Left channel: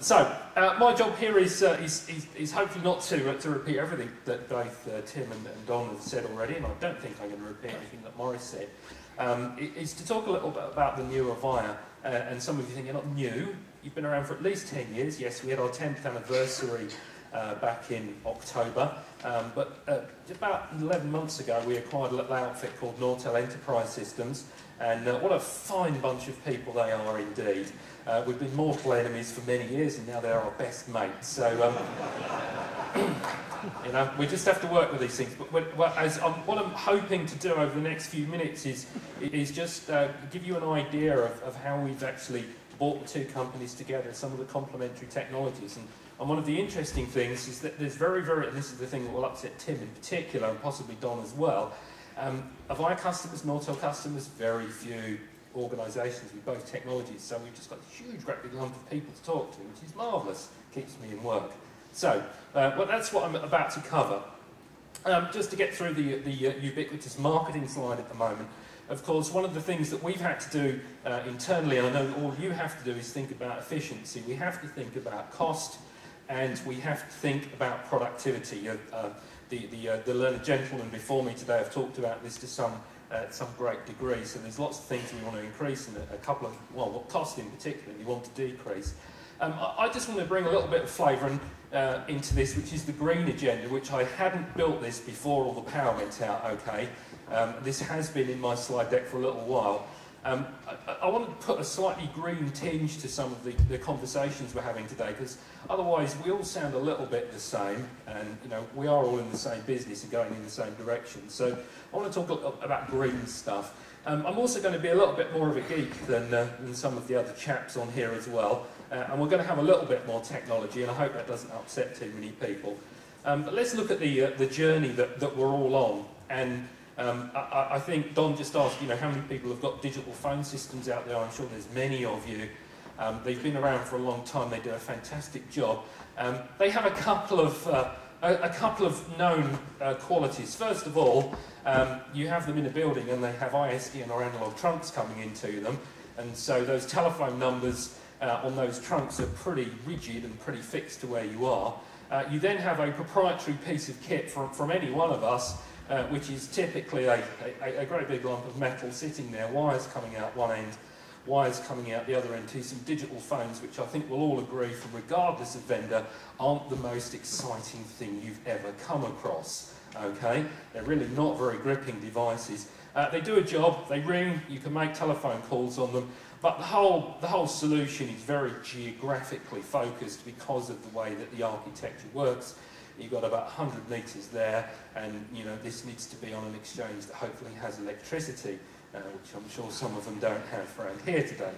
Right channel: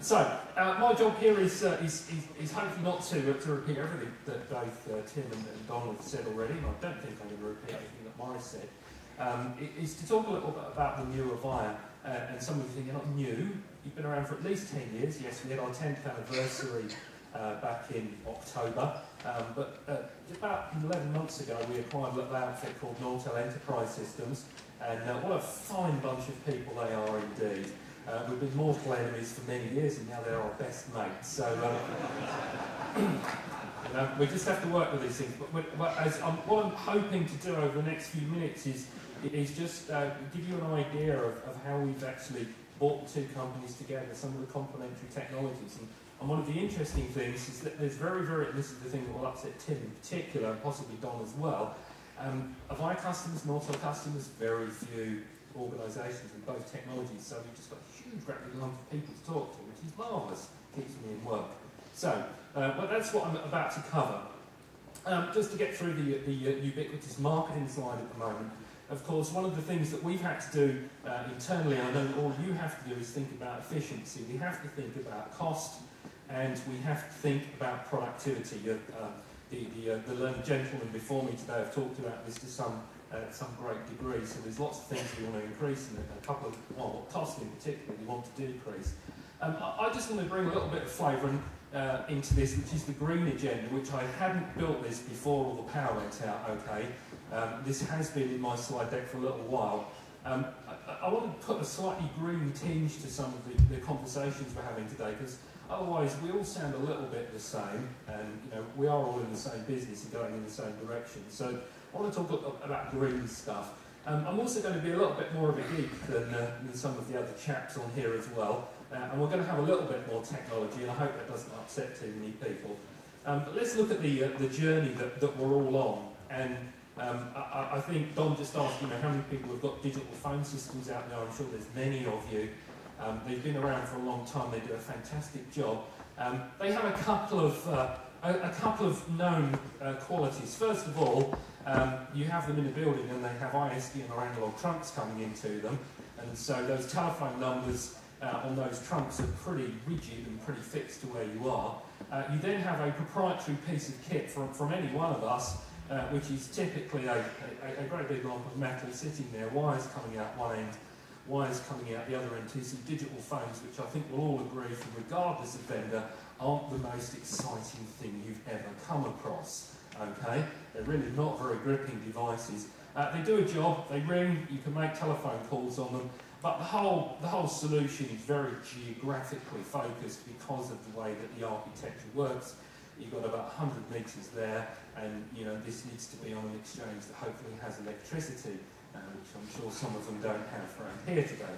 My job here is hopefully not to repeat everything that both Tim and Don have said already, and I don't think I'm going to repeat anything that Morris said. Is to talk a little bit about the new Avaya, and some of you think you're not new. You've been around for at least 10 years. Yes, we had our 10th anniversary back in October, but about 11 months ago we acquired a little outfit called Nortel Enterprise Systems, and what a fine bunch of people they are indeed. We've been mortal enemies for many years, and now they're our best mates. So, you know, we just have to work with these things. But what I'm hoping to do over the next few minutes is just give you an idea of how we've actually brought the two companies together, some of the complementary technologies. And one of the interesting things is that there's and this is the thing that will upset Tim in particular, and possibly Don as well, Avaya customers, Nortel customers, very few organisations with both technologies, so we've just got a huge, great big lump of people to talk to, which is marvellous, keeps me in work. So, well, that's what I'm about to cover. Just to get through the ubiquitous marketing slide at the moment, of course, one of the things that we've had to do internally, and I know all you have to do, is think about efficiency. We have to think about cost, and we have to think about productivity. The learned gentlemen before me today have talked about this to some great degree, so there's lots of things we want to increase and a couple of, well, what cost in particular we want to decrease. I just want to bring a little bit of flavour into this, which is the green agenda, which I hadn't built this before all the power went out, okay? This has been in my slide deck for a little while. I want to put a slightly green tinge to some of the conversations we're having today, because otherwise we all sound a little bit the same, and you know, we are all in the same business and going in the same direction. So I want to talk about green stuff. I'm also going to be a little bit more of a geek than some of the other chaps on here as well, and we're going to have a little bit more technology, and I hope that doesn't upset too many people. But let's look at the journey that we're all on, and I think Don just asked, you know, how many people have got digital phone systems out there. I'm sure there's many of you. They've been around for a long time. They do a fantastic job. They have a couple of known qualities. First of all, you have them in a building and they have ISDN or analog trunks coming into them, and so those telephone numbers on those trunks are pretty rigid and pretty fixed to where you are. You then have a proprietary piece of kit from any one of us, which is typically a great big lump of metal sitting there, wires coming out one end, wires coming out the other end, to some digital phones, which I think we'll all agree, from regardless of vendor, aren't the most exciting thing you've ever come across. Okay, they're really not very gripping devices. They do a job, they ring, you can make telephone calls on them, but the whole solution is very geographically focused because of the way that the architecture works. You've got about 100 metres there, and you know, this needs to be on an exchange that hopefully has electricity, which I'm sure some of them don't have around here today.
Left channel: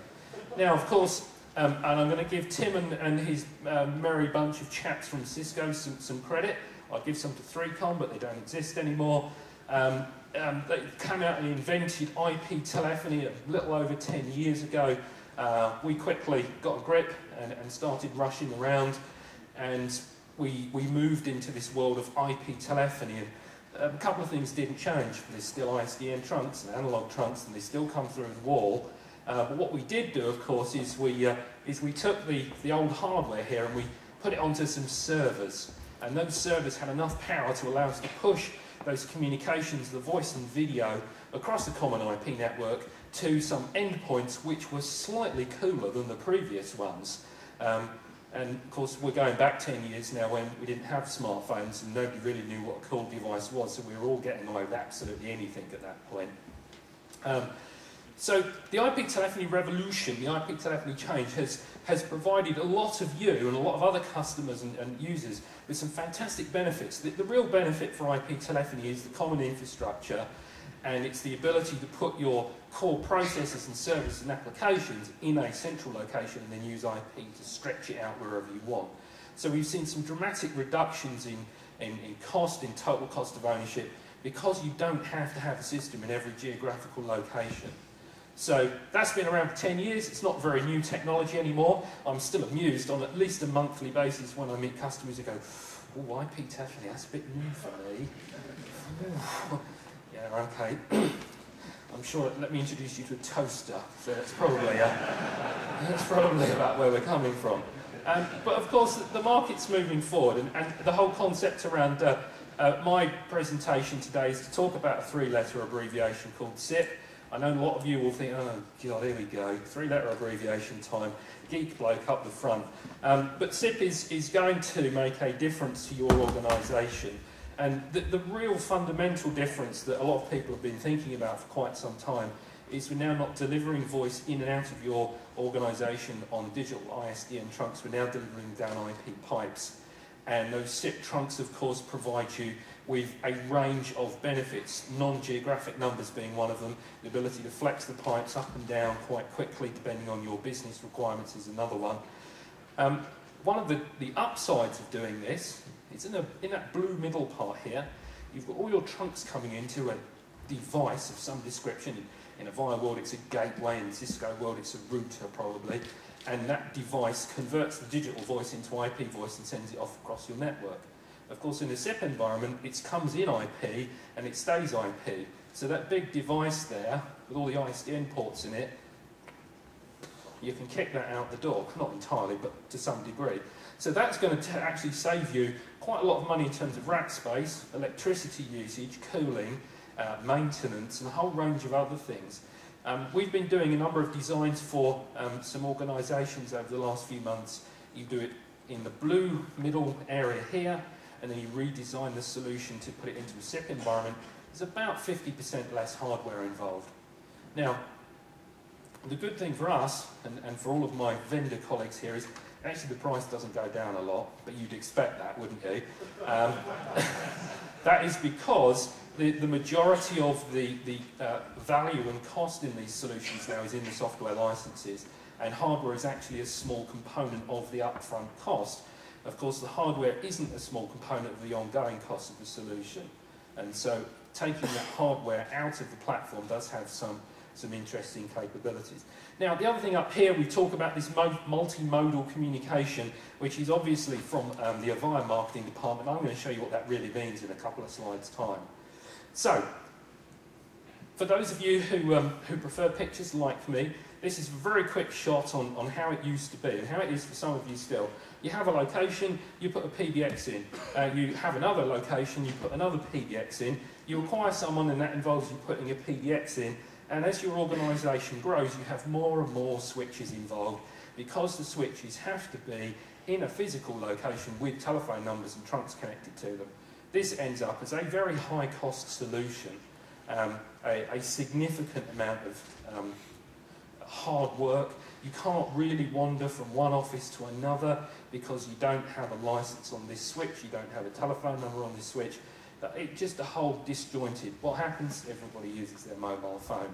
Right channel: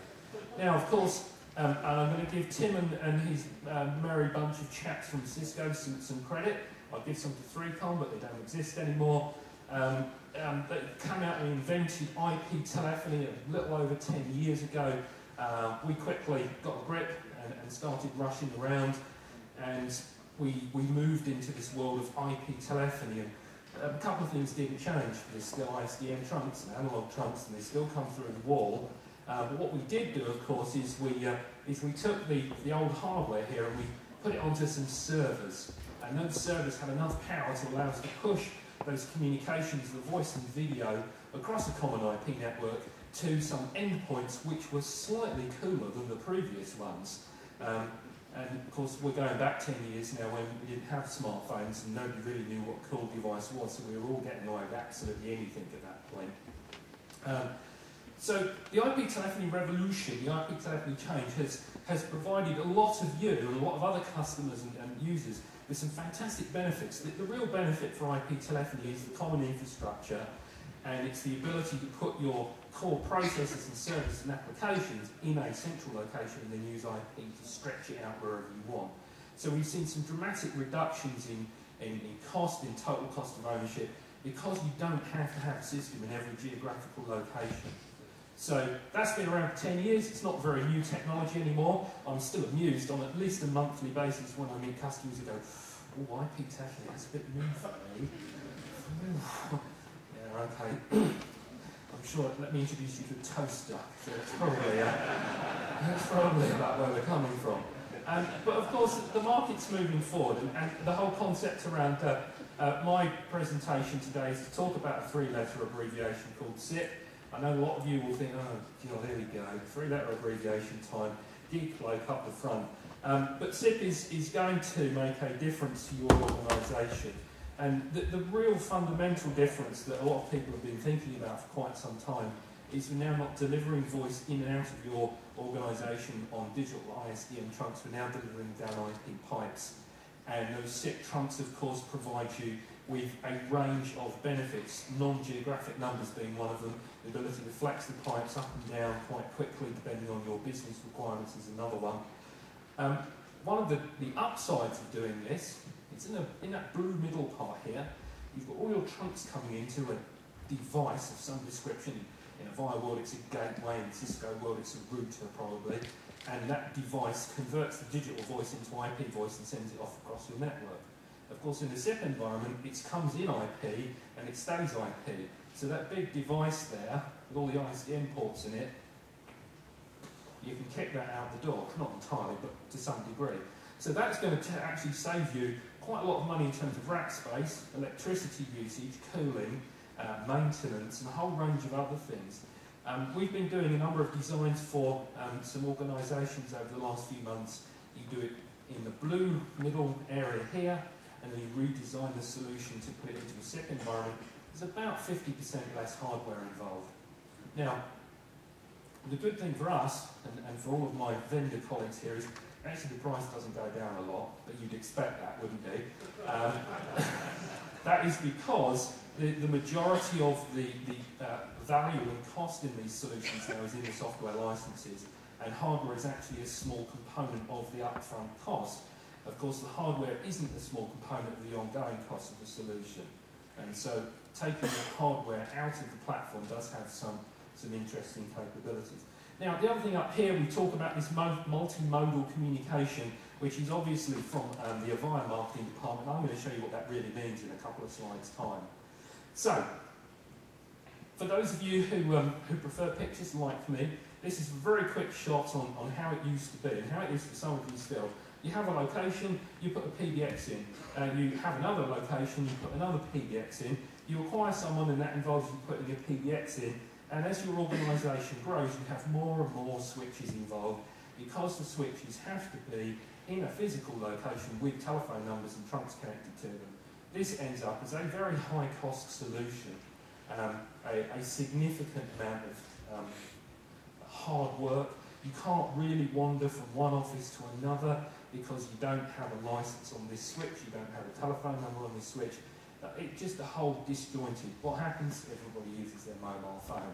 Now, of course, and I'm going to give Tim and his merry bunch of chaps from Cisco some credit. I'll give some to 3Com, but they don't exist anymore. They came out and invented IP telephony a little over 10 years ago. We quickly got a grip and started rushing around, and we moved into this world of IP telephony, and a couple of things didn't change. There's still ISDN trunks and analog trunks, and they still come through the wall. But what we did do, of course, is we took the old hardware here and we put it onto some servers, and those servers had enough power to allow us to push those communications, the voice and video, across a common IP network to some endpoints which were slightly cooler than the previous ones. And of course, we're going back 10 years now when we didn't have smartphones and nobody really knew what a cool device was, so we were all getting away with absolutely anything at that point. So the IP telephony revolution, the IP telephony change, has provided a lot of you and a lot of other customers and users with some fantastic benefits. The real benefit for IP telephony is the common infrastructure, and it's the ability to put your core processes and services and applications in a central location and then use IP to stretch it out wherever you want. So we've seen some dramatic reductions in cost, in total cost of ownership, because you don't have to have a system in every geographical location. So that's been around for 10 years. It's not very new technology anymore. I'm still amused on at least a monthly basis when I meet customers who go, "Oh, IP telephony, that's a bit new for me." Yeah, okay. I'm sure, let me introduce you to a toaster. So that's probably about where we're coming from. But of course, the market's moving forward, and the whole concept around my presentation today is to talk about a three-letter abbreviation called SIP. I know a lot of you will think, oh God, here we go, three-letter abbreviation time, geek bloke up the front. But SIP is going to make a difference to your organisation. And the real fundamental difference that a lot of people have been thinking about for quite some time is we're now not delivering voice in and out of your organisation on digital ISDN trunks, we're now delivering down IP pipes. And those SIP trunks, of course, provide you with a range of benefits, non-geographic numbers being one of them. The ability to flex the pipes up and down quite quickly, depending on your business requirements, is another one. One of the upsides of doing this is in that blue middle part here, you've got all your trunks coming into a device of some description. In Avaya world, it's a gateway. In Cisco world, it's a router, probably. And that device converts the digital voice into IP voice and sends it off across your network. Of course, in a SIP environment, it comes in IP and it stays IP. So that big device there, with all the ISDN ports in it, you can kick that out the door. Not entirely, but to some degree. So that's going to actually save you quite a lot of money in terms of rack space, electricity usage, cooling, maintenance, and a whole range of other things. We've been doing a number of designs for some organisations over the last few months. You do it in the blue middle area here, and then you redesign the solution to put it into a SIP environment. There's about 50% less hardware involved. Now, the good thing for us, and for all of my vendor colleagues here, is actually the price doesn't go down a lot, but you'd expect that, wouldn't you? That is because the majority of the value and cost in these solutions now is in the software licenses, and hardware is actually a small component of the upfront cost. Of course, the hardware isn't a small component of the ongoing cost of the solution, and so taking that hardware out of the platform does have some interesting capabilities. Now, the other thing up here, we talk about this multimodal communication, which is obviously from the Avaya marketing department. I'm going to show you what that really means in a couple of slides' time. So, for those of you who prefer pictures like me, this is a very quick shot on how it used to be and how it is for some of you still. You have a location, you put a PBX in. You have another location, you put another PBX in. You acquire someone, and that involves you putting a PBX in. And as your organisation grows, you have more and more switches involved, because the switches have to be in a physical location with telephone numbers and trunks connected to them. This ends up as a very high-cost solution, a significant amount of hard work. You can't really wander from one office to another because you don't have a license on this switch, you don't have a telephone number on this switch. It's just a whole disjointed. What happens? Everybody uses their mobile phone.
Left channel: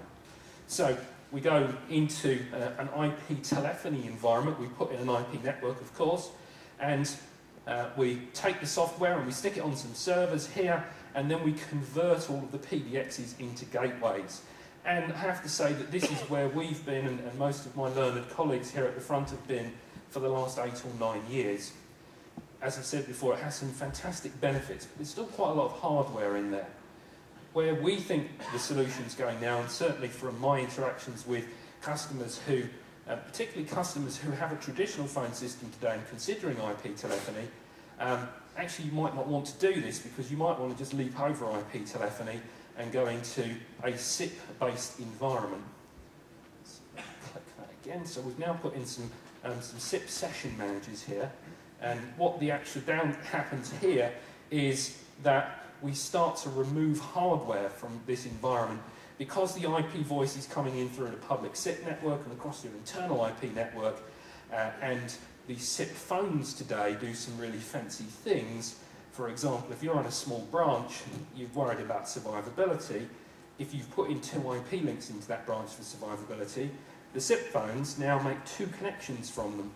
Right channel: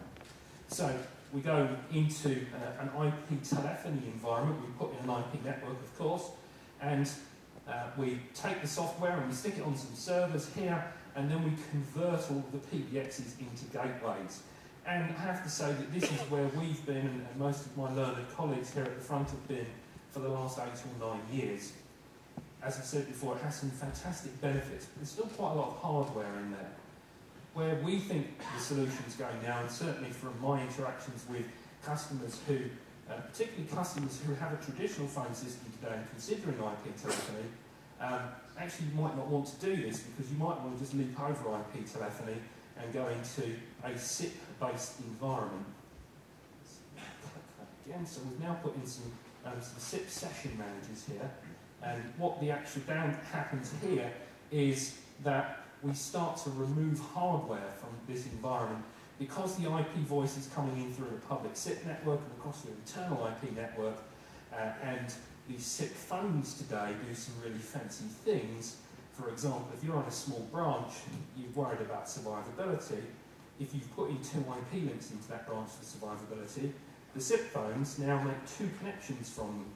So we go into an IP telephony environment. We put in an IP network, of course, and we take the software and we stick it on some servers here, and then we convert all of the PBXs into gateways. And I have to say that this is where we've been, and most of my learned colleagues here at the front have been for the last 8 or 9 years. As I said before, it has some fantastic benefits, but there's still quite a lot of hardware in there. Where we think the solution's going now, and certainly from my interactions with customers who, particularly customers who have a traditional phone system today and considering IP telephony, actually you might not want to do this, because you might want to just leap over IP telephony and go into a SIP-based environment. Let's click that again. So we've now put in some SIP session managers here. And what the actual happens here is that we start to remove hardware from this environment, because the IP voice is coming in through the public SIP network and across your internal IP network, and the SIP phones today do some really fancy things. For example, if you're on a small branch, you're worried about survivability. If you've put in 2 IP links into that branch for survivability, the SIP phones now make 2 connections from them,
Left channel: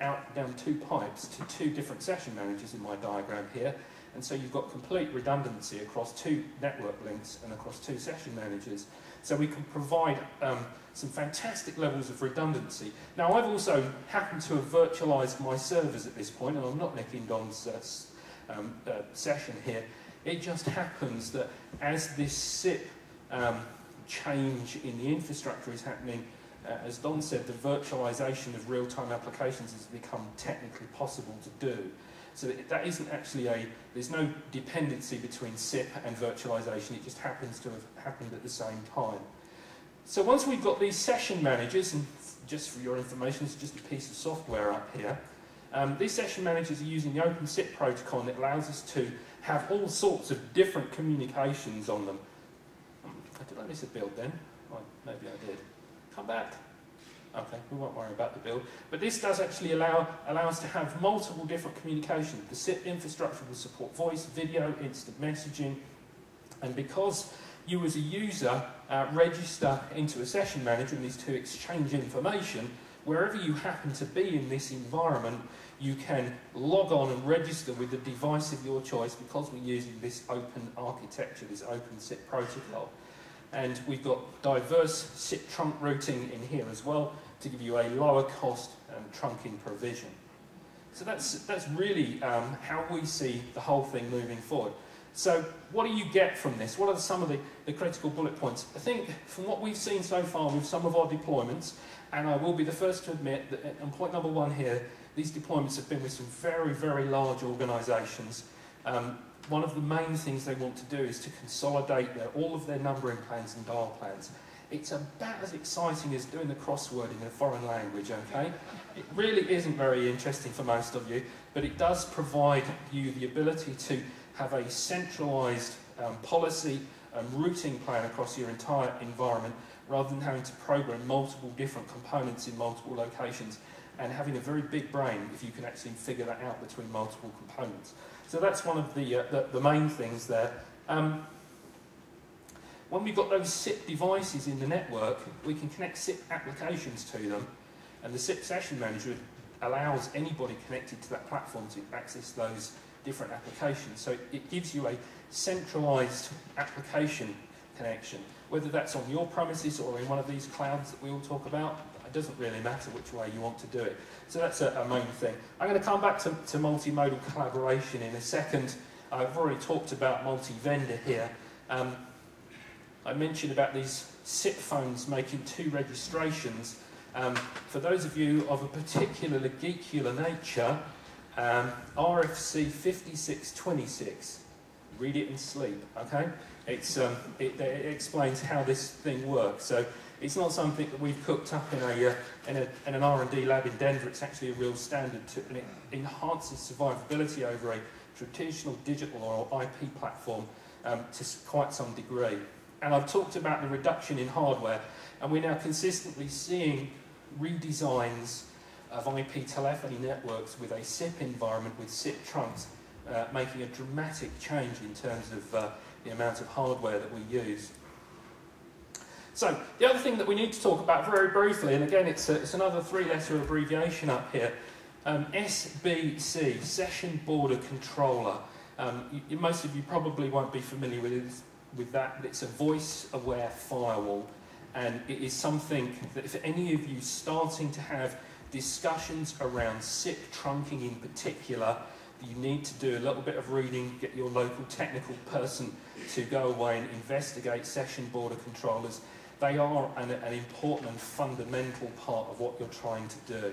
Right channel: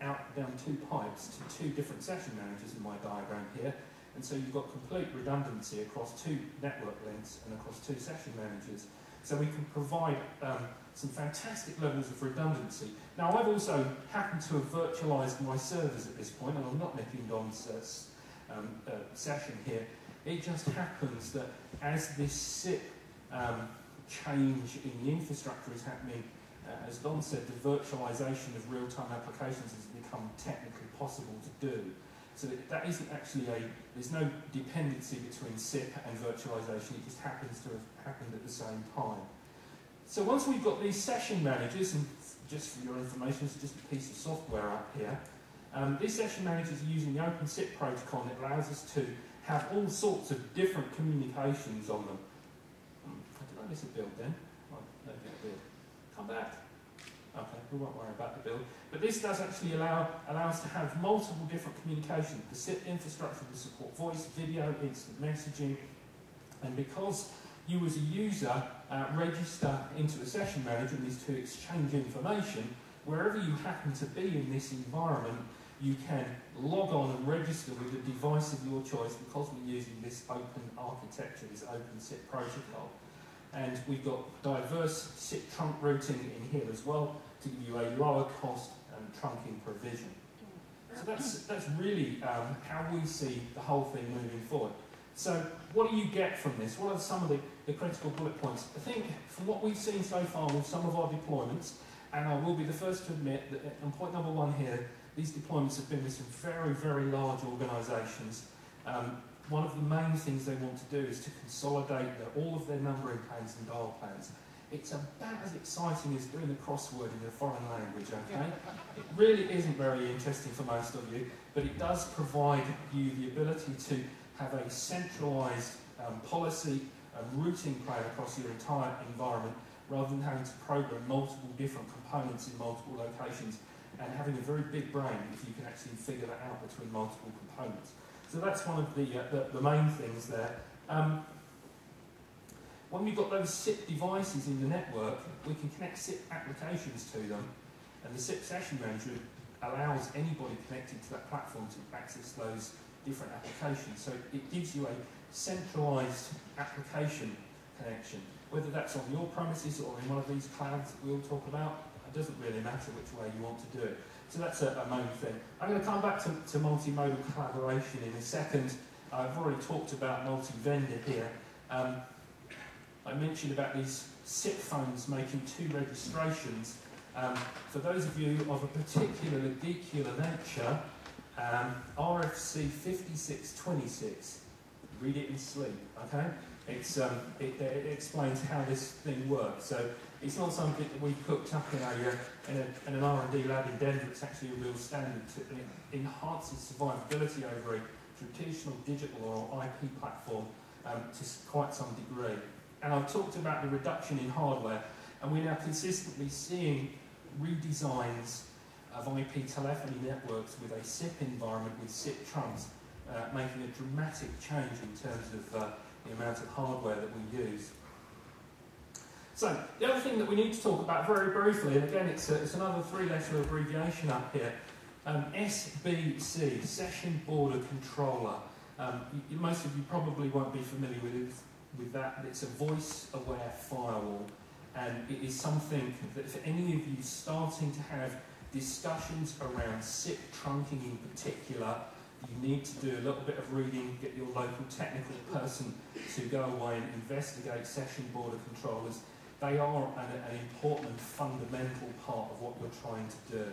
out down 2 pipes to 2 different session managers in my diagram here, and so you've got complete redundancy across 2 network links and across 2 session managers. So we can provide some fantastic levels of redundancy. Now, I've also happened to have virtualized my servers at this point, and I'm not nicking Don's session here. It just happens that as this SIP change in the infrastructure is happening, as Don said, the virtualization of real-time applications has become technically possible to do. So that isn't actually there's no dependency between SIP and virtualization, it just happens to have happened at the same time. So once we've got these session managers, and just for your information, it's just a piece of software up here, these session managers are using the OpenSIP protocol, and it allows us to have all sorts of different communications on them. Did I miss a build then? Oh, maybe I did. Come back. Okay, we won't worry about the build. But this does actually allow us to have multiple different communications. The SIP infrastructure will support voice, video, instant messaging, and because you as a user register into a session manager and these two exchange information, wherever you happen to be in this environment, you can log on and register with the device of your choice because we're using this open architecture, this open SIP protocol. And we've got diverse SIP trunk routing in here as well to give you a lower cost trunking provision. So that's really how we see the whole thing moving forward. So what do you get from this? What are some of the critical bullet points? I think from what we've seen so far with some of our deployments, and I will be the first to admit that on point number one here, these deployments have been with some very, very large organisations. One of the main things they want to do is to consolidate all of their numbering plans and dial plans. It's about as exciting as doing the crossword in a foreign language, okay? It really isn't very interesting for most of you, but it does provide you the ability to have a centralised policy routing plan across your entire environment rather than having to program multiple different components in multiple locations and having a very big brain if you can actually figure that out between multiple components. So that's one of the main things there. When we've got those SIP devices in the network, we can connect SIP applications to them, and the SIP session manager allows anybody connected to that platform to access those different applications. So it gives you a centralised application connection, whether that's on your premises or in one of these clouds that we all talk about. It doesn't really matter which way you want to do it. So that's a main thing. I'm going to come back to multimodal collaboration in a second. I've already talked about multi-vendor here. I mentioned about these SIP phones making 2 registrations. For those of you of a particularly geekier nature, RFC 5626, read it and sleep, okay? It explains how this thing works. So it's not something that we've cooked up in an R&D lab in Denver. It's actually a real standard, and it enhances survivability over a traditional digital or IP platform to quite some degree. And I've talked about the reduction in hardware, and we're now consistently seeing redesigns of IP telephony networks with a SIP environment with SIP trunks, making a dramatic change in terms of the amount of hardware that we use. So the other thing that we need to talk about very briefly, and again it's another 3-letter abbreviation up here, SBC, Session Border Controller. Most of you probably won't be familiar with that, but it's a voice-aware firewall, and it is something that for any of you starting to have discussions around SIP trunking in particular, you need to do a little bit of reading, get your local technical person to go away and investigate session border controllers. They are an important and fundamental part of what you're trying to do.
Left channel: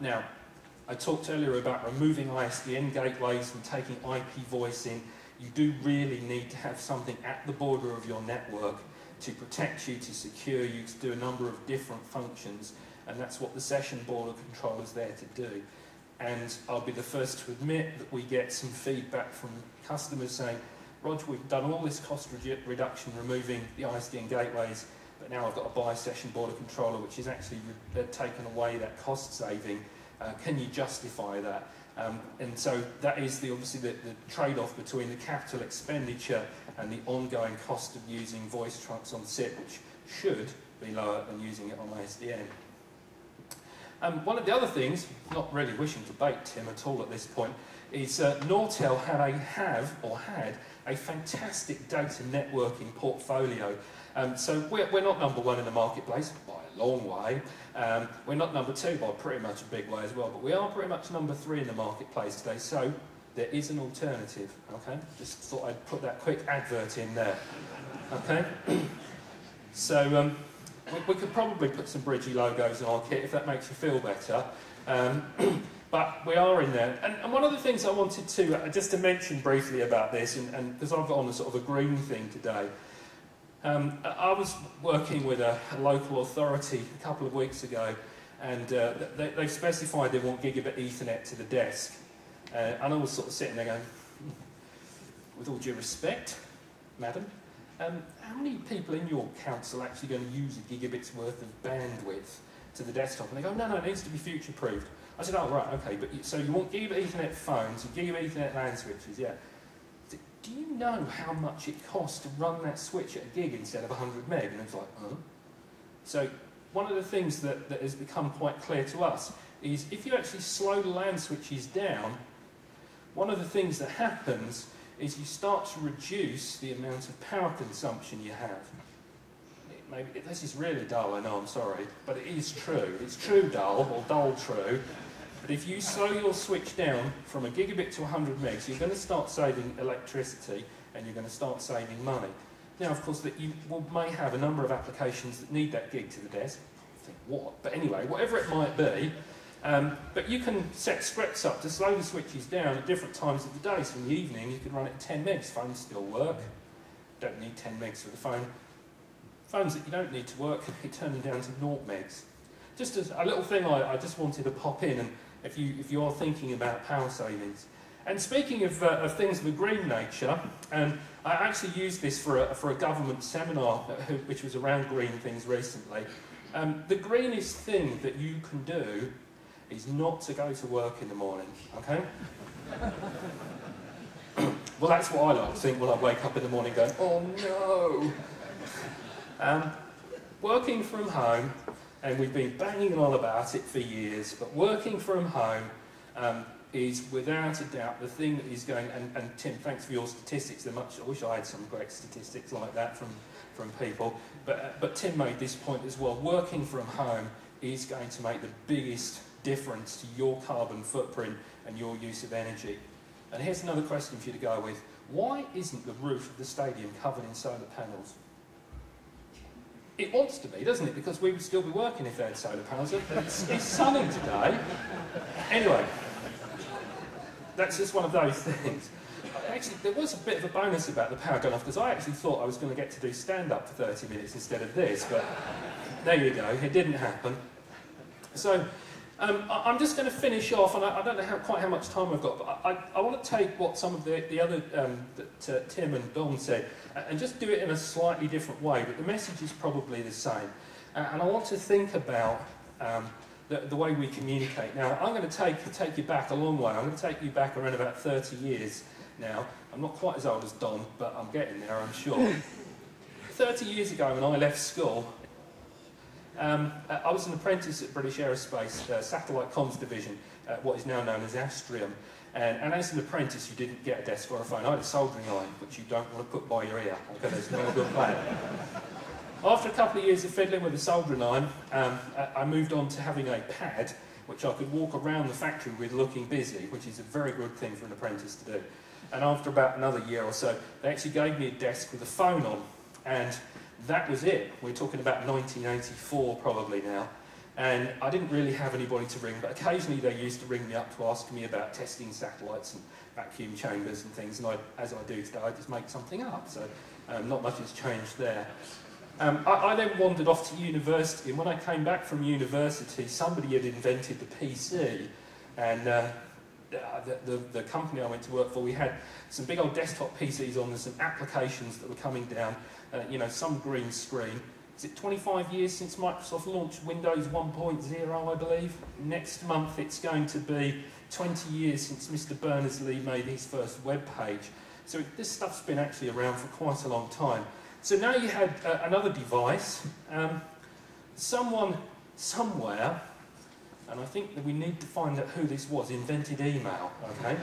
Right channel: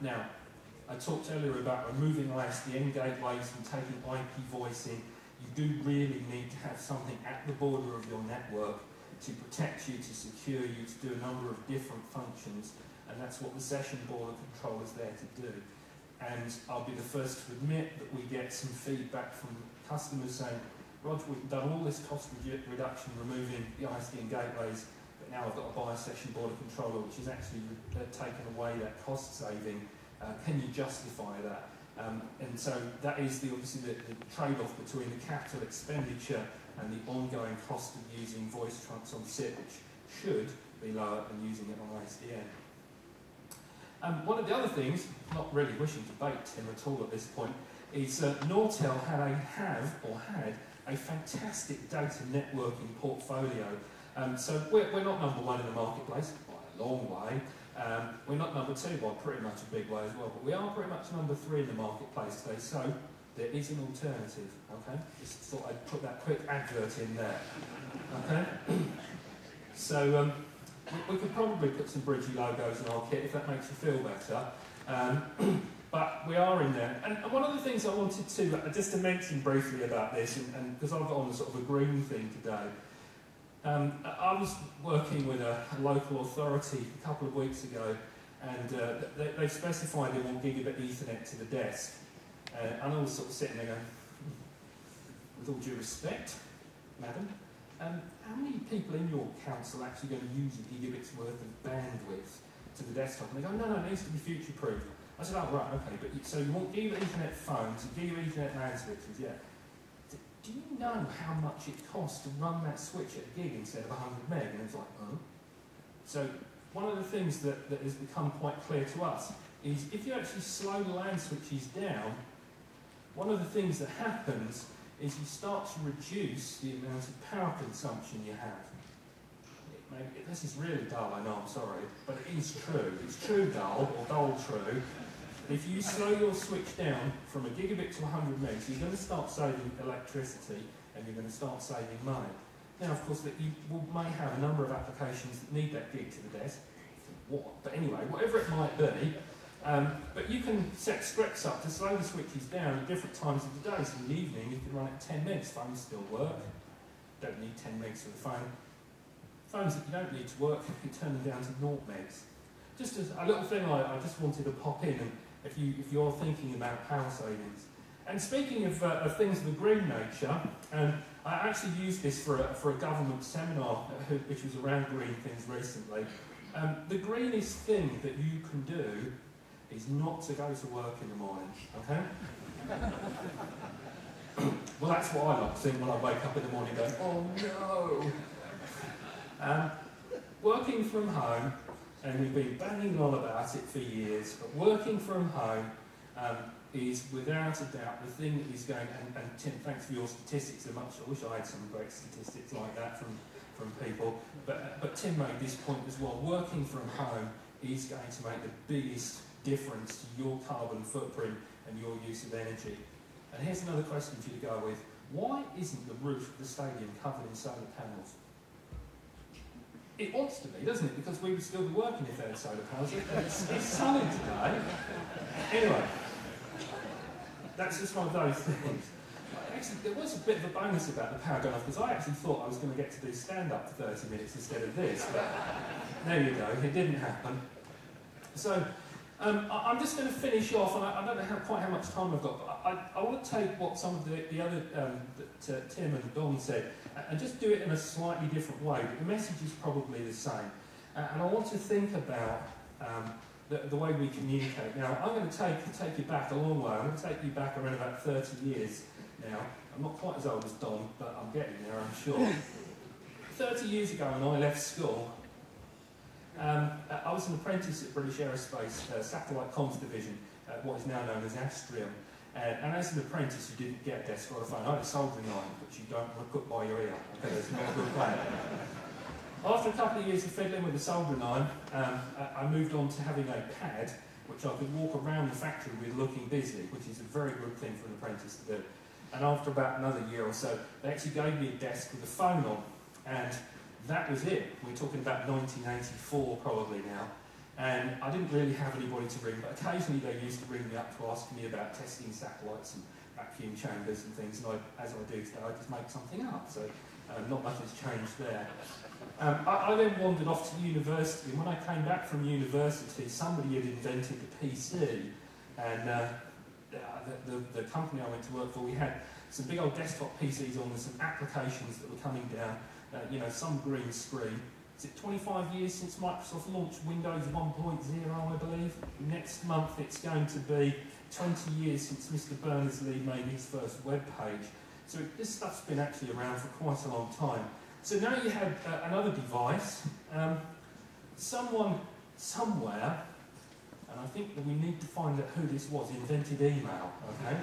Now, I talked earlier about removing ISDN gateways and taking IP voice in. You do really need to have something at the border of your network to protect you, to secure you, to do a number of different functions, and that's what the session border controller is there to do. And I'll be the first to admit that we get some feedback from customers saying, Roger, we've done all this cost reduction, removing the ISDN gateways, but now I've got to buy a session border controller, which is actually taken away that cost saving. Can you justify that? And so that is obviously the trade-off between the capital expenditure and the ongoing cost of using voice trunks on SIP, which should be lower than using it on ISDN. One of the other things, not really wishing to bait Tim at all at this point, is Nortel had a fantastic data networking portfolio. So we're not number one in the marketplace by a long way. We're not number two by pretty much a big way as well, but we are pretty much number 3 in the marketplace today. So there is an alternative. Okay, just thought I'd put that quick advert in there. Okay, so we could probably put some Bridgie logos on our kit if that makes you feel better. But we are in there. And one of the things I wanted to, just to mention briefly about this, and because I've got on a sort of a green thing today, I was working with a local authority a couple of weeks ago, and they've specified they want gigabit Ethernet to the desk. And I was sort of sitting there going, with all due respect, madam, how many people in your council are actually going to use a gigabit's worth of bandwidth to the desktop? And they go, no, it needs to be future-proofed. I said, oh, right, okay, but so you want gigabit Ethernet phones and gigabit Ethernet LAN switches, yeah. Do you know how much it costs to run that switch at a gig instead of 100 meg? And it's like, huh? So one of the things that has become quite clear to us is if you actually slow the LAN switches down, one of the things that happens is you start to reduce the amount of power consumption you have. This is really dull, I know, I'm sorry, but it is true. It's true dull, or dull true. But if you slow your switch down from a gigabit to 100 megs, you're going to start saving electricity and you're going to start saving money. Now, of course, that you may have a number of applications that need that gig to the desk. I think what? But anyway, whatever it might be, but you can set scripts up to slow the switches down at different times of the day. So in the evening, you can run it at 10 megs. Phones still work. Don't need 10 megs for the phone. Phones that you don't need to work, you turn them down to 0 megs. Just as a little thing I just wanted to pop in, and if you're thinking about power savings. And speaking of things of a green nature, I actually used this for a government seminar which was around green things recently. The greenest thing that you can do is not to go to work in the morning, okay? Well, that's what I like to think when I wake up in the morning going, oh no! Working from home, and we've been banging on about it for years, but working from home is without a doubt the thing that is going, and Tim, thanks for your statistics. I wish I had some great statistics like that from people, but Tim made this point as well. Working from home is going to make the biggest difference to your carbon footprint and your use of energy. And here's another question for you to go with. Why isn't the roof of the stadium covered in solar panels? It wants to be, doesn't it? Because we would still be working if they had solar panels. It's sunny today. Anyway, that's just one of those things. Actually, there was a bit of a bonus about the power going off, because I actually thought I was going to get to do stand-up for 30 minutes instead of this, but there you go, it didn't happen. So, I'm just going to finish off, and I don't know quite how much time I've got, but I want to take what some of the other, that Tim and Dom said, and just do it in a slightly different way, but the message is probably the same. And I want to think about the way we communicate. Now, I'm going to take you back a long way. I'm going to take you back around about 30 years now. I'm not quite as old as Dom, but I'm getting there, I'm sure. 30 years ago, when I left school, I was an apprentice at British Aerospace Satellite Comms Division, what is now known as Astrium. And as an apprentice, you didn't get a desk or a phone. I had a soldering iron, which you don't want to put by your ear. Okay, there's no good plan. After a couple of years of fiddling with a soldering iron, I moved on to having a pad, which I could walk around the factory with looking busy, which is a very good thing for an apprentice to do. And after about another year or so, they actually gave me a desk with a phone on. And that was it. We're talking about 1984 probably now. And I didn't really have anybody to ring, but occasionally they used to ring me up to ask me about testing satellites and vacuum chambers and things, and as I do today, I just make something up, so not much has changed there. I then wandered off to university, and when I came back from university, somebody had invented the PC, and the company I went to work for, we had some big old desktop PCs on, and some applications that were coming down, you know, some green screen. Is it 25 years since Microsoft launched Windows 1.0, I believe? Next month it's going to be 20 years since Mr. Berners-Lee made his first web page. So this stuff's been actually around for quite a long time. So now you had another device. Someone, somewhere, and I think that we need to find out who this was, invented email, okay?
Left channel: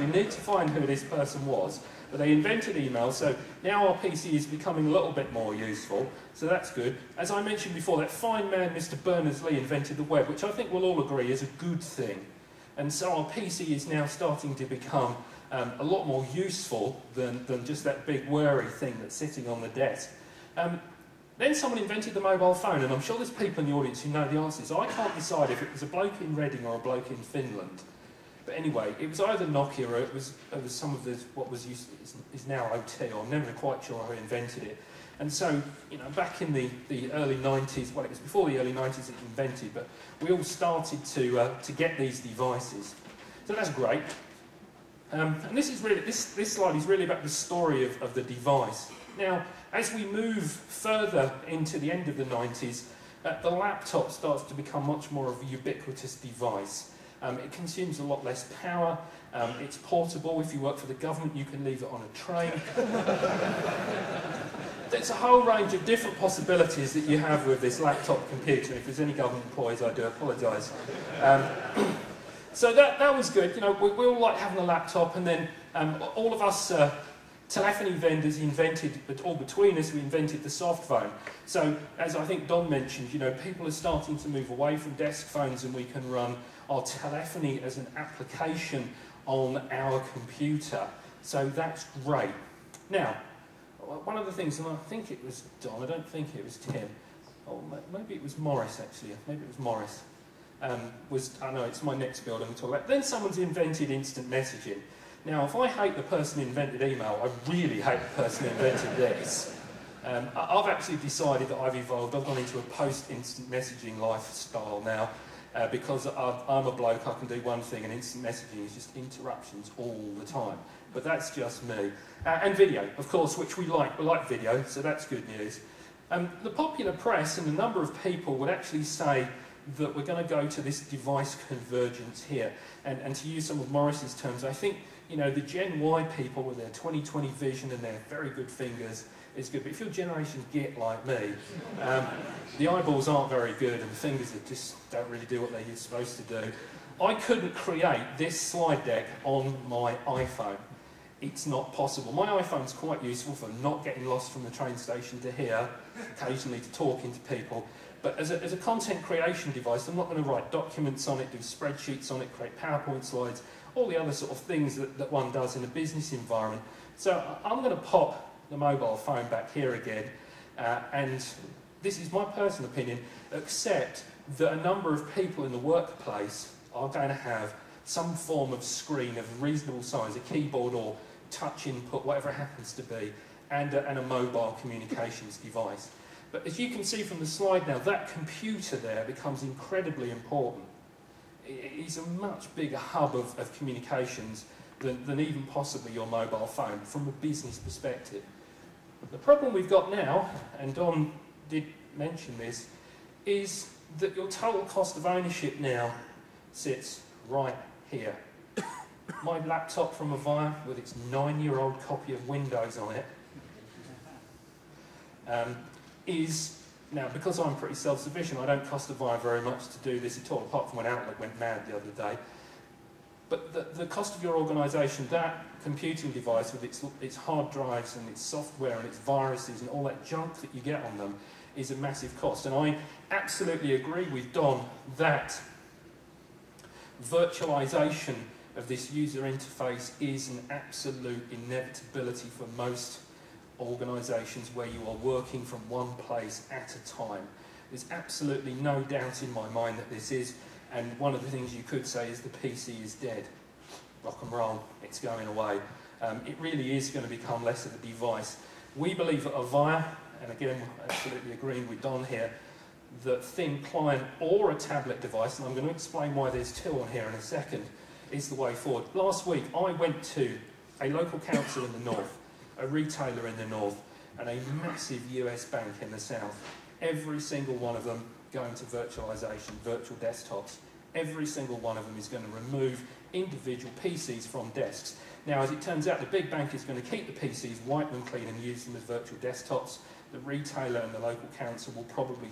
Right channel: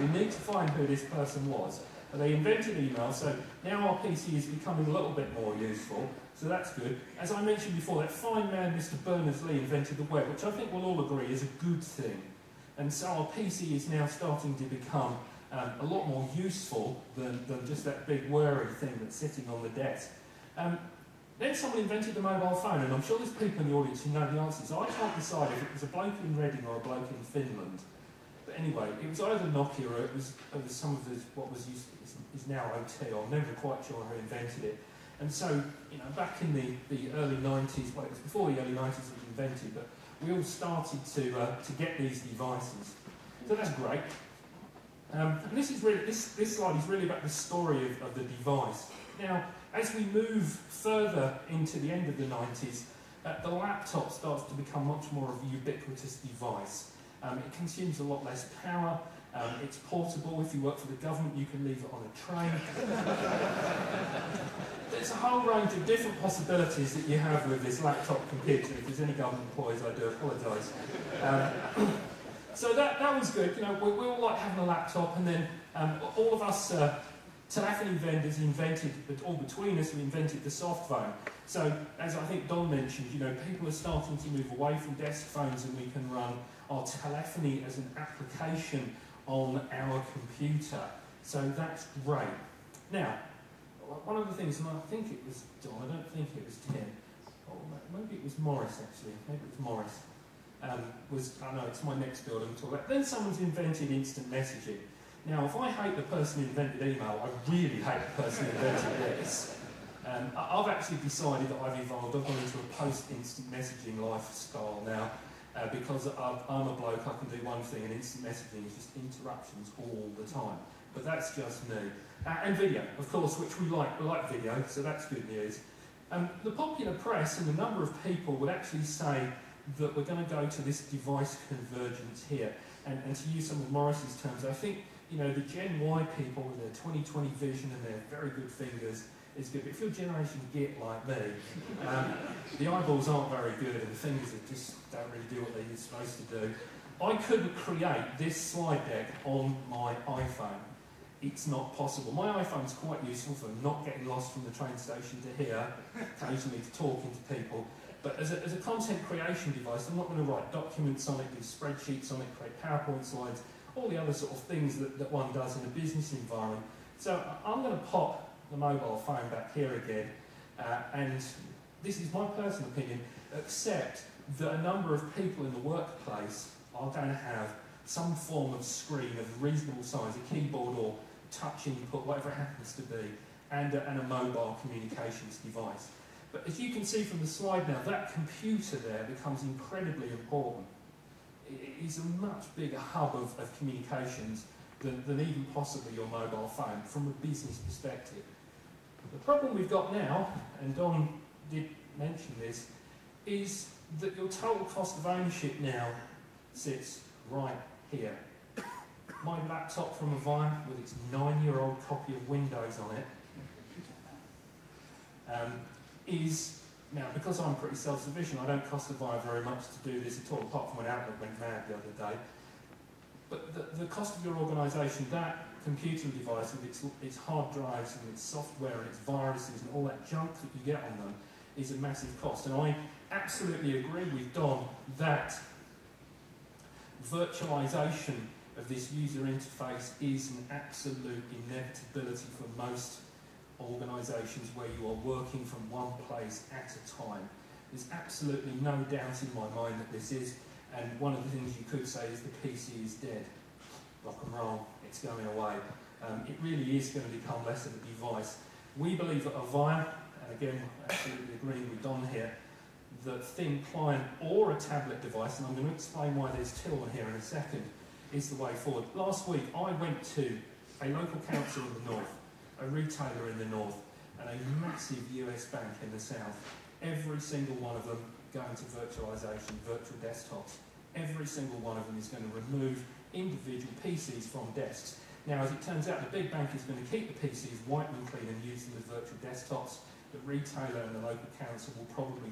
We need to find who this person was. But they invented email, so now our PC is becoming a little bit more useful, so that's good. As I mentioned before, that fine man, Mr. Berners-Lee, invented the web, which I think we'll all agree is a good thing. And so our PC is now starting to become a lot more useful than just that big worry thing that's sitting on the desk. Then someone invented the mobile phone, and I'm sure there's people in the audience who know the answers. I can't decide if it was a bloke in Reading or a bloke in Finland. But anyway, it was either Nokia or it was some of the, what was used, is now OT, I'm never quite sure who invented it. And so, you know, back in the early 90s, well, it was before the early 90s it was invented, but we all started to get these devices. So that's great. And this is really, this slide is really about the story of the device. Now, as we move further into the end of the 90s, the laptop starts to become much more of a ubiquitous device. It consumes a lot less power, it's portable. If you work for the government, you can leave it on a train. There's a whole range of different possibilities that you have with this laptop computer. If there's any government employees, I do apologise. So that was good. You know, we all like having a laptop, and then all of us telephony vendors invented, all between us, we invented the soft phone. So, as I think Don mentioned, you know, people are starting to move away from desk phones, and we can run our telephony as an application on our computer. So that's great. Now, one of the things, and I think it was Don, I don't think it was Tim, oh, maybe it was Morris actually, maybe it was Morris, I know it's my next build I'm talking about. Then someone's invented instant messaging. Now, if I hate the person who invented email, I really hate the person who invented this. I've actually decided that I've evolved, I've gone into a post-instant messaging lifestyle now, because I'm a bloke, I can do one thing, and instant messaging is just interruptions all the time. But that's just me. And video, of course, which we like video, so that's good news. The popular press and a number of people would actually say that we're going to go to this device convergence here. And to use some of Morris's terms, I think, you know, the Gen Y people with their 20/20 vision and their very good fingers is good. But if you're Generation Git like me, the eyeballs aren't very good and the fingers just don't really do what they're supposed to do. I couldn't create this slide deck on my iPhone. It's not possible. My iPhone's quite useful for not getting lost from the train station to here, occasionally to talking to people. But as a content creation device, I'm not going to write documents on it, do spreadsheets on it, create PowerPoint slides, all the other sort of things that one does in a business environment. So I'm going to pop the mobile phone back here again, and this is my personal opinion, except that a number of people in the workplace are going to have some form of screen of reasonable size, a keyboard or touch input, whatever it happens to be, and a mobile communications device. But as you can see from the slide now, that computer there becomes incredibly important. It's a much bigger hub of communications than even possibly your mobile phone from a business perspective. But the problem we've got now, and Don did mention this, is that your total cost of ownership now sits right here. My laptop from Avaya, with its 9-year-old copy of Windows on it, is, now because I'm pretty self-sufficient, I don't cost Avaya very much to do this at all, apart from when Outlook went mad the other day. But the cost of your organisation, that computing device with its hard drives and its software and its viruses and all that junk that you get on them is a massive cost. And I absolutely agree with Don that virtualisation of this user interface is an absolute inevitability for most organisations where you are working from one place at a time. There's absolutely no doubt in my mind that this is, and one of the things you could say is the PC is dead. Rock and roll, it's going away. It really is going to become less of a device. We believe at Avaya, and again, absolutely agreeing with Don here, that thin client or a tablet device, and I'm going to explain why there's two on here in a second, is the way forward. Last week, I went to a local council in the north, a retailer in the north, and a massive US bank in the south. Every single one of them going to virtualisation, virtual desktops. Every single one of them is going to remove individual PCs from desks. Now, as it turns out, the big bank is going to keep the PCs, wipe them clean and use them as virtual desktops. The retailer and the local council will probably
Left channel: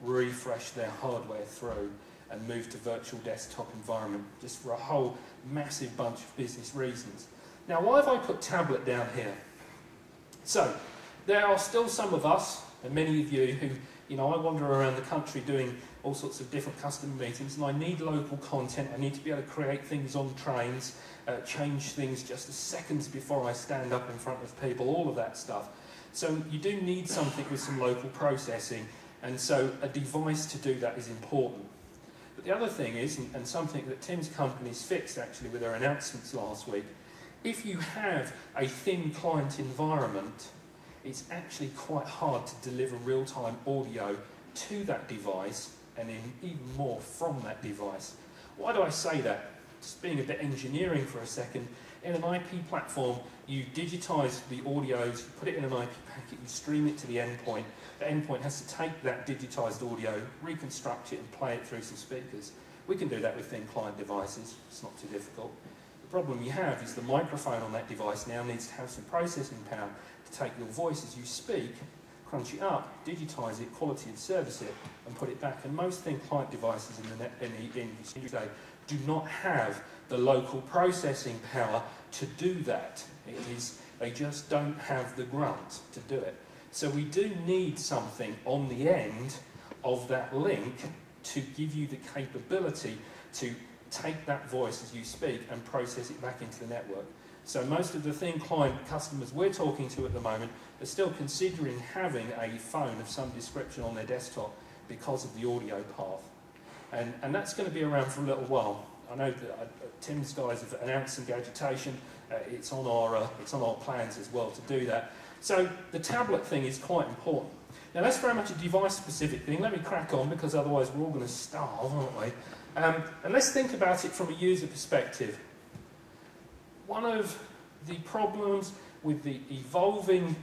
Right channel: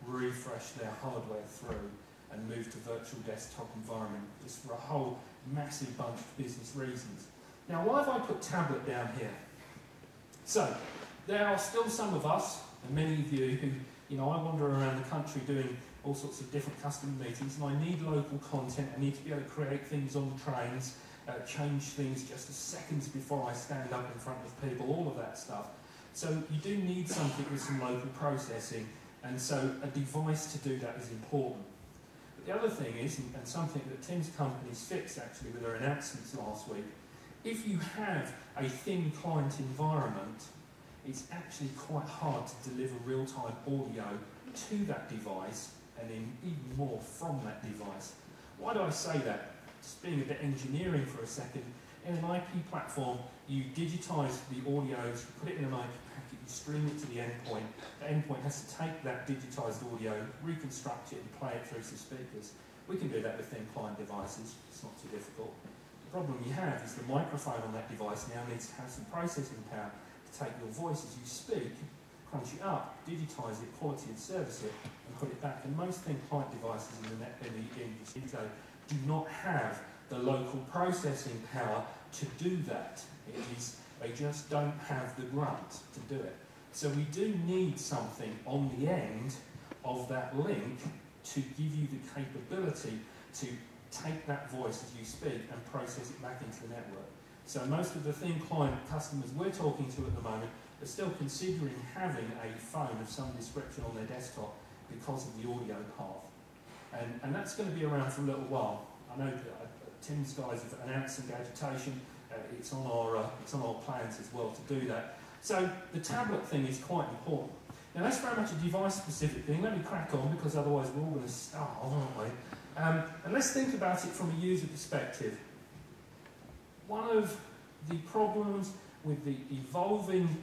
refresh their hardware through and move to virtual desktop environment, just for a whole massive bunch of business reasons. Now, why have I put tablet down here? So, there are still some of us, and many of you, who, you know, I wander around the country doing all sorts of different customer meetings, and I need local content. I need to be able to create things on trains, change things just a seconds before I stand up in front of people, all of that stuff. So you do need something with some local processing, and so a device to do that is important. But the other thing is, and something that Tim's company's fixed actually with their announcements last week, if you have a thin client environment, it's actually quite hard to deliver real-time audio to that device, and even more from that device. Why do I say that? Just being a bit engineering for a second, in an IP platform, you digitise the audios, you put it in an IP packet, you stream it to the endpoint. The endpoint has to take that digitised audio, reconstruct it and play it through some speakers. We can do that with thin client devices, it's not too difficult. The problem you have is the microphone on that device now needs to have some processing power to take your voice as you speak, crunch it up, digitise it, quality and service it, and put it back. And most thin client devices in the industry today do not have the local processing power to do that. They just don't have the grunt to do it. So we do need something on the end of that link to give you the capability to take that voice as you speak and process it back into the network. So most of the thin client customers we're talking to at the moment are still considering having a phone of some description on their desktop because of the audio path. And that's going to be around for a little while. I know that Tim's guys have announced some agitation. It's on our plans as well to do that. So the tablet thing is quite important. Now that's very much a device-specific thing. Let me crack on because otherwise we're all going to starve, aren't we? And let's think about it from a user perspective. One of the problems with the evolving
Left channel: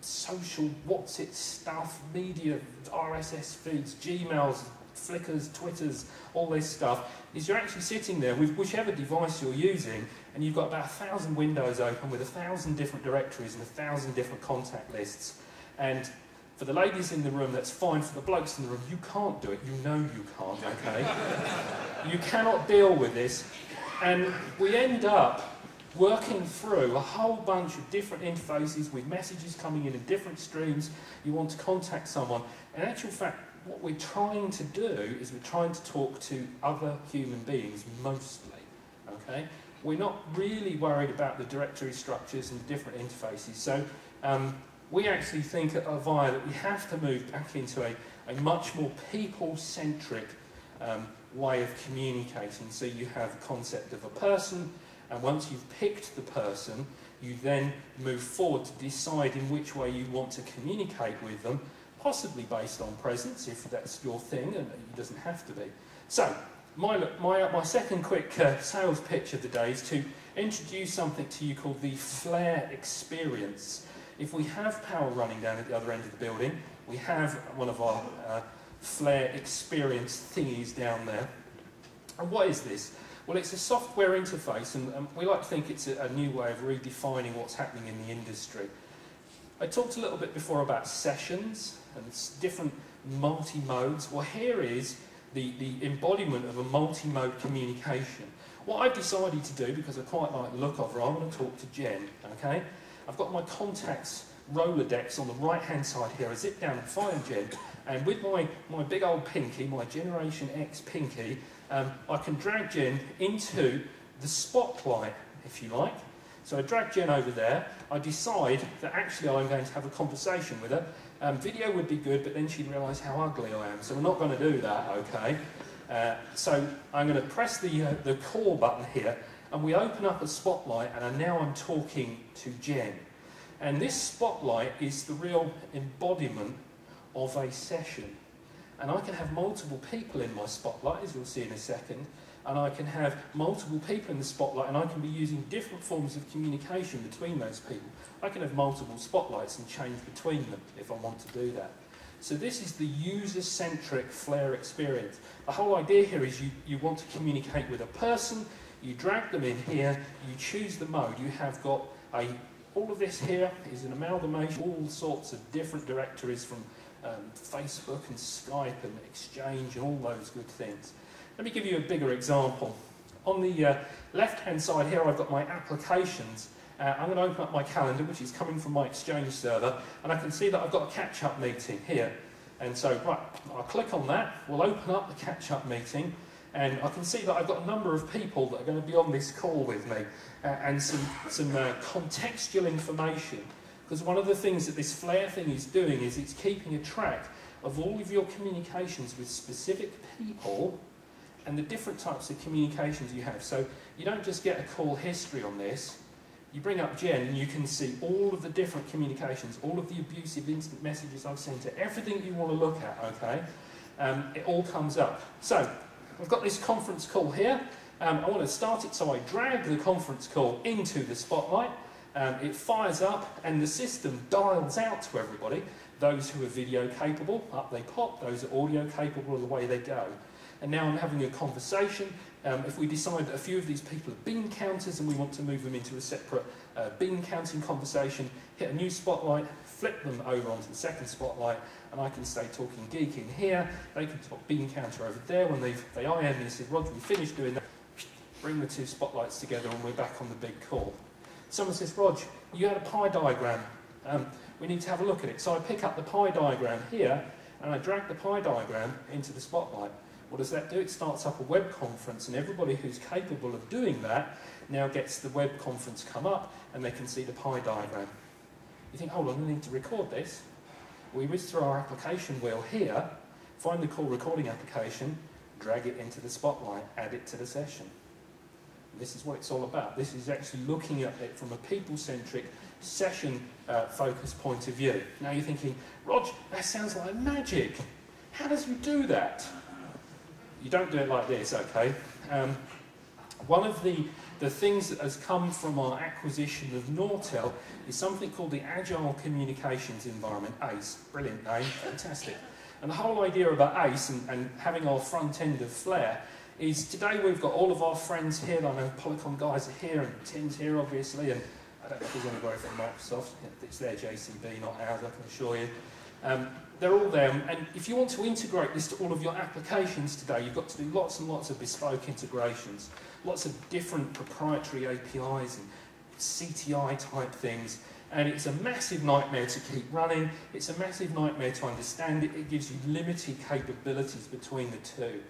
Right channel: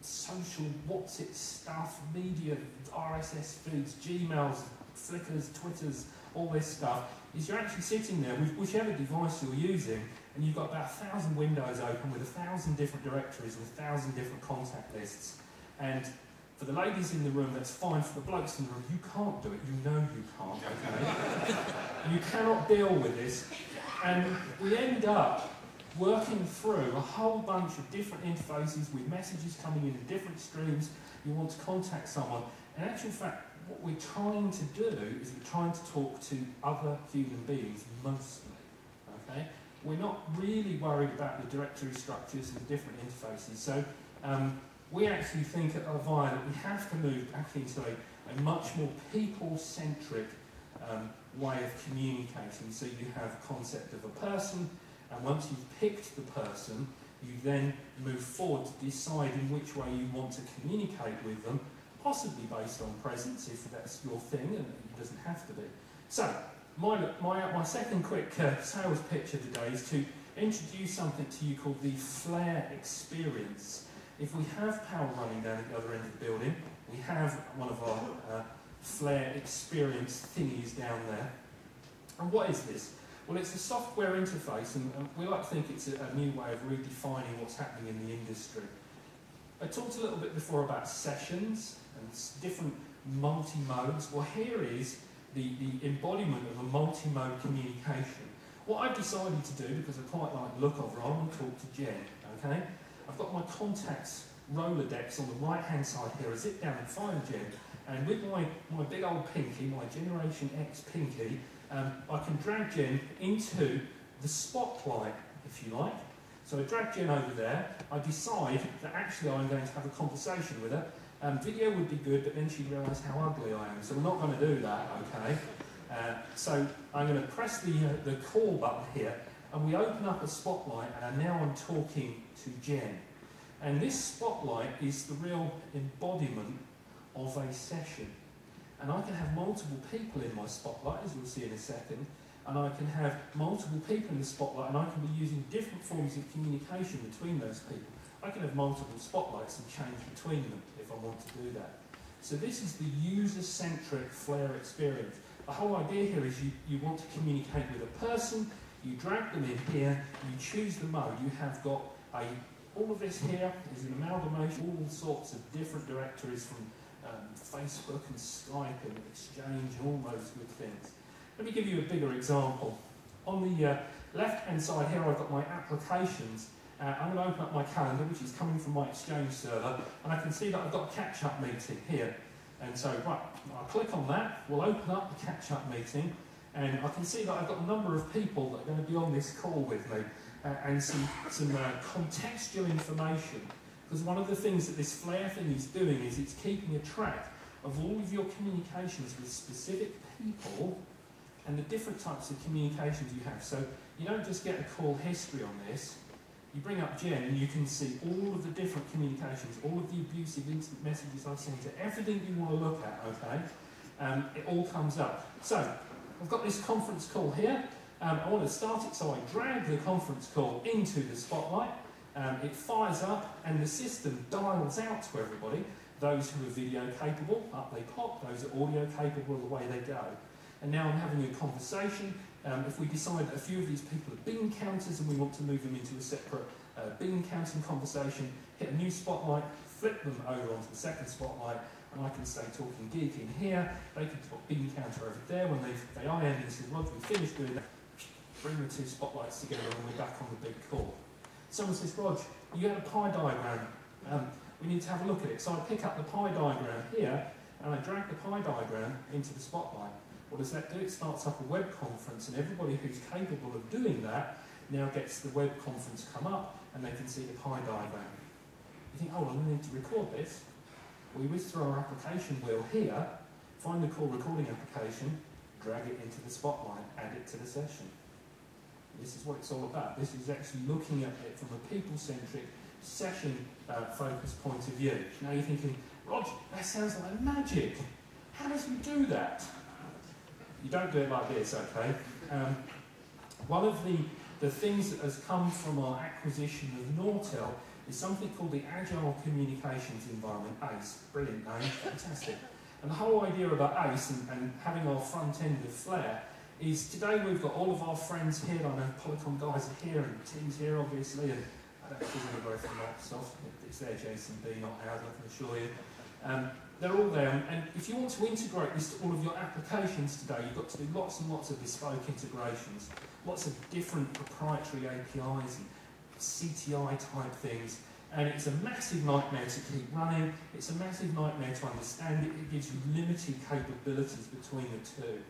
social what's-it stuff, media, RSS feeds, Gmails, Flickrs, Twitters, all this stuff, is you're actually sitting there with whichever device you're using, and you've got about 1,000 windows open with 1,000 different directories and 1,000 different contact lists. And for the ladies in the room, that's fine. For the blokes in the room, you can't do it. You know you can't, okay? You cannot deal with this. And we end up working through a whole bunch of different interfaces with messages coming in different streams. You want to contact someone. In actual fact, what we're trying to do is we're trying to talk to other human beings mostly, okay? We're not really worried about the directory structures and the different interfaces. So we actually think at Avaya that we have to move back into a much more people-centric way of communicating. So you have a concept of a person, and once you've picked the person, you then move forward to decide in which way you want to communicate with them, possibly based on presence, if that's your thing, and it doesn't have to be. So, my second quick sales pitch of the day is to introduce something to you called the Flare Experience. If we have power running down at the other end of the building, we have one of our Flare Experience thingies down there. And what is this? Well, it's a software interface, and we like to think it's a new way of redefining what's happening in the industry. I talked a little bit before about sessions and different multi-modes. Well, here is the embodiment of a multi-mode communication. What I've decided to do, because I quite like the look of her, I want to talk to Jen, okay? I've got my contacts Rolodex on the right-hand side here. I zip down and find Jen, and with my big old pinky, my Generation X pinky, I can drag Jen into the spotlight, if you like. So I drag Jen over there. I decide that actually I'm going to have a conversation with her. Video would be good, but then she'd realise how ugly I am. So we're not going to do that, okay? So I'm going to press the call button here, and we open up a spotlight, and now I'm talking to Jen. And this spotlight is the real embodiment of a session. And I can have multiple people in my spotlight, as you'll see in a second, and I can have multiple people in the spotlight, and I can be using different forms of communication between those people. I can have multiple spotlights and change between them if I want to do that. So this is the user-centric Flare experience. The whole idea here is you want to communicate with a person, you drag them in here, you choose the mode. You have got all of this here is an amalgamation, all sorts of different directories from Facebook and Skype and Exchange and all those good things. Let me give you a bigger example. On the left-hand side here, I've got my applications. I'm going to open up my calendar, which is coming from my Exchange server, and I can see that I've got a catch-up meeting here. And so, right, I'll click on that. We'll open up the catch-up meeting, and I can see that I've got a number of people that are going to be on this call with me, and some contextual information. Because one of the things that this Flare thing is doing is it's keeping a track of all of your communications with specific people and the different types of communications you have. So you don't just get a call history on this. You bring up Jen and you can see all of the different communications, all of the abusive instant messages I've sent her, everything you want to look at, okay? It all comes up. So I've got this conference call here. I want to start it, so I drag the conference call into the Spotlight. It fires up and the system dials out to everybody. Those who are video capable, up they pop. Those are audio capable, away they go. And now I'm having a conversation. If we decide that a few of these people are bean counters and we want to move them into a separate bean counting conversation, hit a new Spotlight, flip them over onto the second Spotlight, and I can say Talking Geek in here. They can talk bean counter over there. When they IM me and say, Roger, we finished doing that, bring the two Spotlights together and we're back on the big call. Someone says, Rog, you had a pie diagram. We need to have a look at it. So I pick up the pie diagram here and I drag the pie diagram into the Spotlight. What does that do? It starts up a web conference, and everybody who's capable of doing that now gets the web conference come up and they can see the pie diagram. You think, hold on, I need to record this. We whiz through our application wheel here, find the call recording application, drag it into the Spotlight, add it to the session. This is what it's all about. This is actually looking at it from a people-centric, session-focused point of view. Now you're thinking, Rog, that sounds like magic. How does you do that? You don't do it like this, okay? One of the things that has come from our acquisition of Nortel is something called the Agile Communications Environment, ACE. Brilliant name, fantastic. And the whole idea about ACE and having our front end of Flare is today we've got all of our friends here. I know Polycom guys are here and Tim's here obviously, and I don't know if there's anybody from Microsoft. It's their JCB, not ours, I can assure you. They're all there, and if you want to integrate this to all of your applications today, you've got to do lots and lots of bespoke integrations, lots of different proprietary APIs and CTI type things, and it's a massive nightmare to keep running. It's a massive nightmare to understand it. It gives you limited capabilities between the two.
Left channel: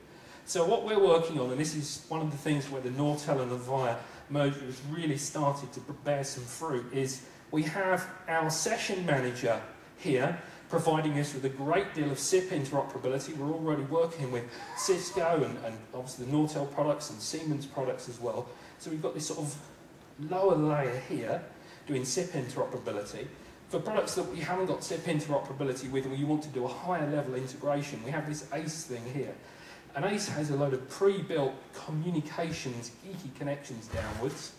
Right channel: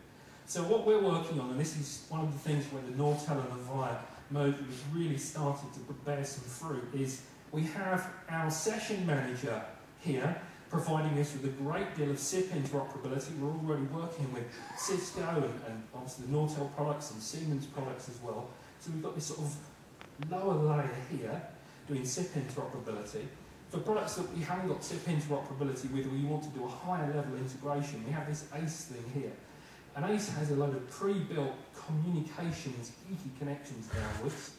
So what we're working on, and this is one of the things where the Nortel and Avaya merger has really started to bear some fruit, is we have our session manager here providing us with a great deal of SIP interoperability. We're already working with Cisco and obviously the Nortel products and Siemens products as well. So we've got this sort of lower layer here doing SIP interoperability. For products that we haven't got SIP interoperability with, where you want to do a higher level integration, we have this ACE thing here. And ACE has a load of pre-built communications, geeky connections downwards,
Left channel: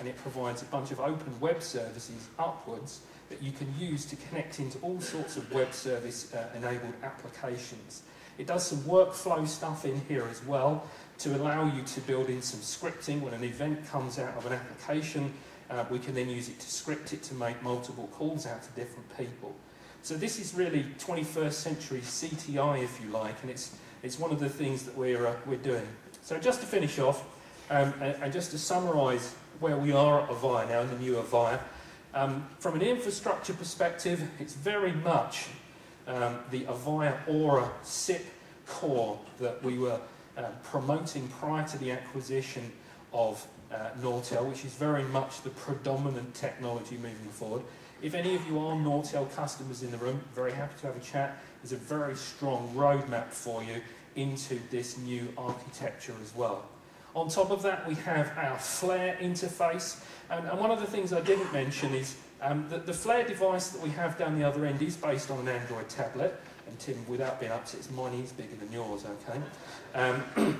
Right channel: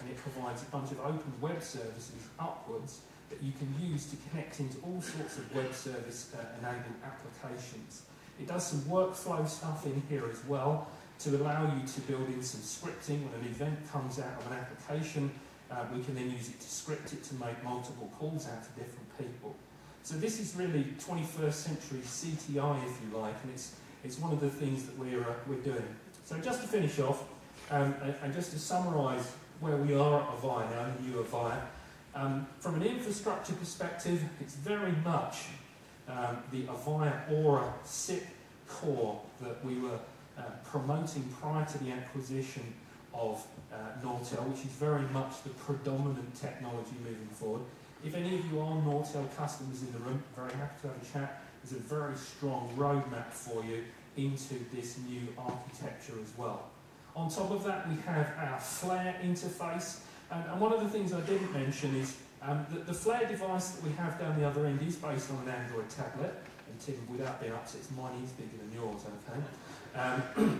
and it provides a bunch of open web services upwards that you can use to connect into all sorts of web service enabled applications. It does some workflow stuff in here as well to allow you to build in some scripting. When an event comes out of an application, we can then use it to script it to make multiple calls out to different people. So this is really 21st century CTI, if you like, and it's one of the things that we're doing. So just to finish off, and just to summarise where we are at Avaya now, in the new Avaya, from an infrastructure perspective, it's very much the Avaya Aura SIP core that we were promoting prior to the acquisition of Nortel, which is very much the predominant technology moving forward. If any of you are Nortel customers in the room, very happy to have a chat. There's a very strong roadmap for you into this new architecture as well. On top of that, we have our Flare interface. And one of the things I didn't mention is that the Flare device that we have down the other end is based on an Android tablet. And Tim, without being upset, mine is bigger than yours, okay?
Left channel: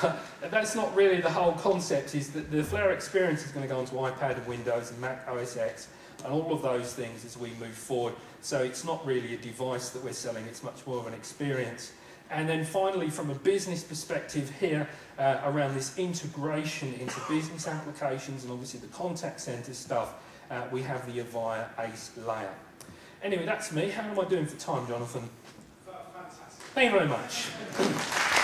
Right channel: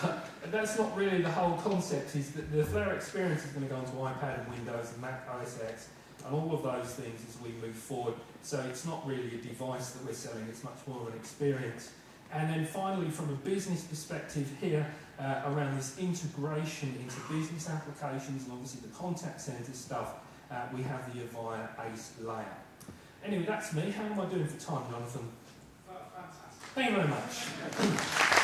But that's not really the whole concept, is that the Flare experience is going to go onto iPad and Windows and Mac OS X and all of those things as we move forward. So it's not really a device that we're selling, it's much more of an experience. And then finally, from a business perspective here, around this integration into business applications and obviously the contact center stuff, we have the Avaya ACE layer. Anyway, that's me. How am I doing for time, Jonathan? Fantastic. Thank you very much.